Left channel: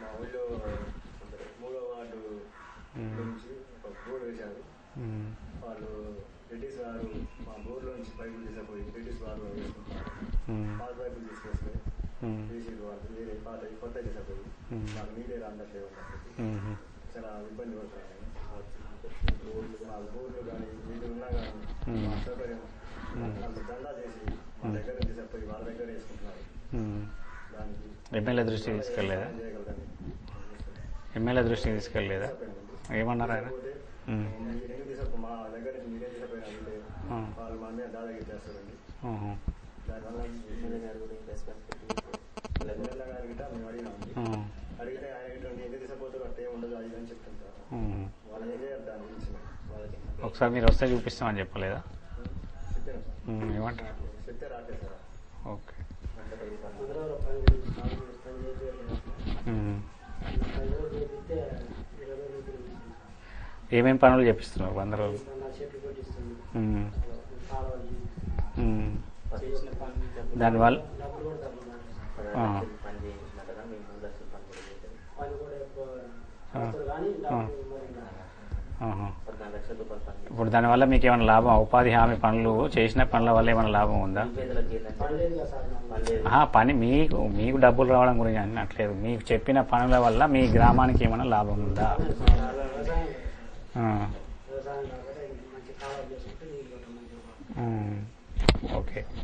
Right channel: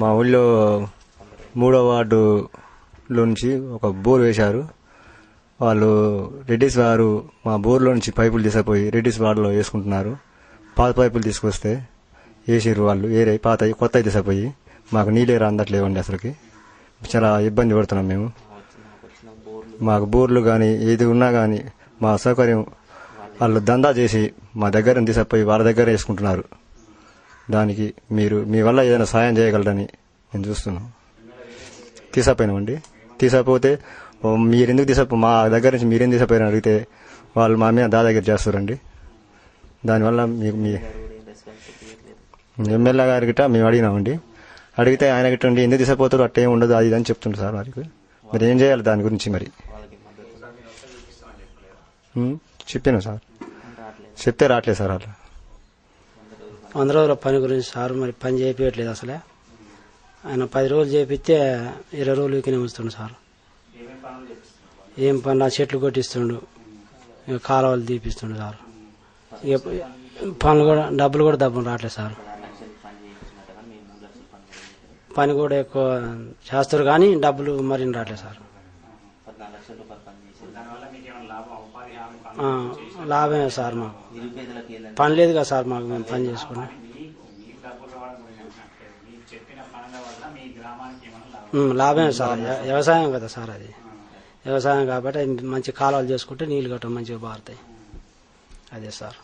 మా ఊళ్ళో 3వ వార్డులో నుంచి ఒక బోర్ వేశారు. వాళ్ళు రెడ్డిస్ వారు మా బోర్లో నుంచి పైపులు తీసుకుపోయి రెడ్డిస్ వార్డులో వేసుకుంటున్నారు. పాత పైపులు తీసుకొస్తే వేసారు వాళ్ళు, వేరే పాత కొత్త తీసుకుపోయి మాకు నీళ్ళే అందట్లేవండి. అసలుకి చాలా ఇబ్బంది పడుతున్నాం మేము. మాకు బోర్లు కానీ ఏది ఉన్నా కానీ మా సౌకర్యం వాళ్ళు దందా చేసి మా దగ్గర తీసుకుపోయి వాళ్ళ దగ్గర వేసుకుంటున్నారు. దానికి మీరు మీ వల్ల ఏదైనా సాయం చేయగలరని నేను చూస్తున్నాను. తీసుకుపోయినామండి. తీసుకపోతే మీరెందుకు మా దగ్గర నుంచి మీరేం తీసుకుపోయారని అడిగితే వాళ్ళు మా మీద దాదాగిరి చేస్తారండి. దానివల్ల మీకు మీ ఎమ్మెల్యే గారి గిట్ట మేము అడిగినామండి. అడిగితే ఆయన గిట్ట ఎందుకు తీసుకుపోతారు, అట్టే ఉండదు అది అని చెప్తుంటారు సార్. వారికి మరి ఏం చేయాలి దాని గురించి? మరి ఒకసారి మీరు వస్తే చూపిస్తామని చెప్పలేదా? చెప్పాను సార్, చెప్తే రావట్లేదు సార్. వాళ్ళు 100 రోజుల పని గురించి సార్ మరి పని చేయట్లేదు అసలే. ఆయన 10 రోజులు చేపిస్తే 20 రోజులకి ఉంచుతుండు సార్. ఏమేమి పనులు చేపిస్తున్నారు? ఏం పనులు, చెట్లు కొట్టిస్తుండు, కాలువలు తీపిస్తుండు సార్. పనులు కూడా డబ్బులు కూడా రావట్లేదు సార్. పని కూడా ఎక్కువ చేస్తారు కానీ డబ్బులు మరి రావట్లేదు సార్. ఇప్పుడు దానివల్ల మీకు ఏమైనా లాభం? ఉపాధి హామీ పనులు చేసిన లాభం ఉందా? పని లేదు కదా సార్ మాకు. పని మీకు డబ్బులు రావడం గురించి అనట్లేదు, మీకు చెప్పిన పనుల వల్ల మీ గ్రామానికి ఏమైనా లాభమే సార్. వ్యవసాయం కదా సార్, అది వ్యవసాయం కాబట్టి మంచి కాలువలు చేసుకుంటే నీళ్లు గట్ట మంచిగా బారుతాయి. అదే సార్.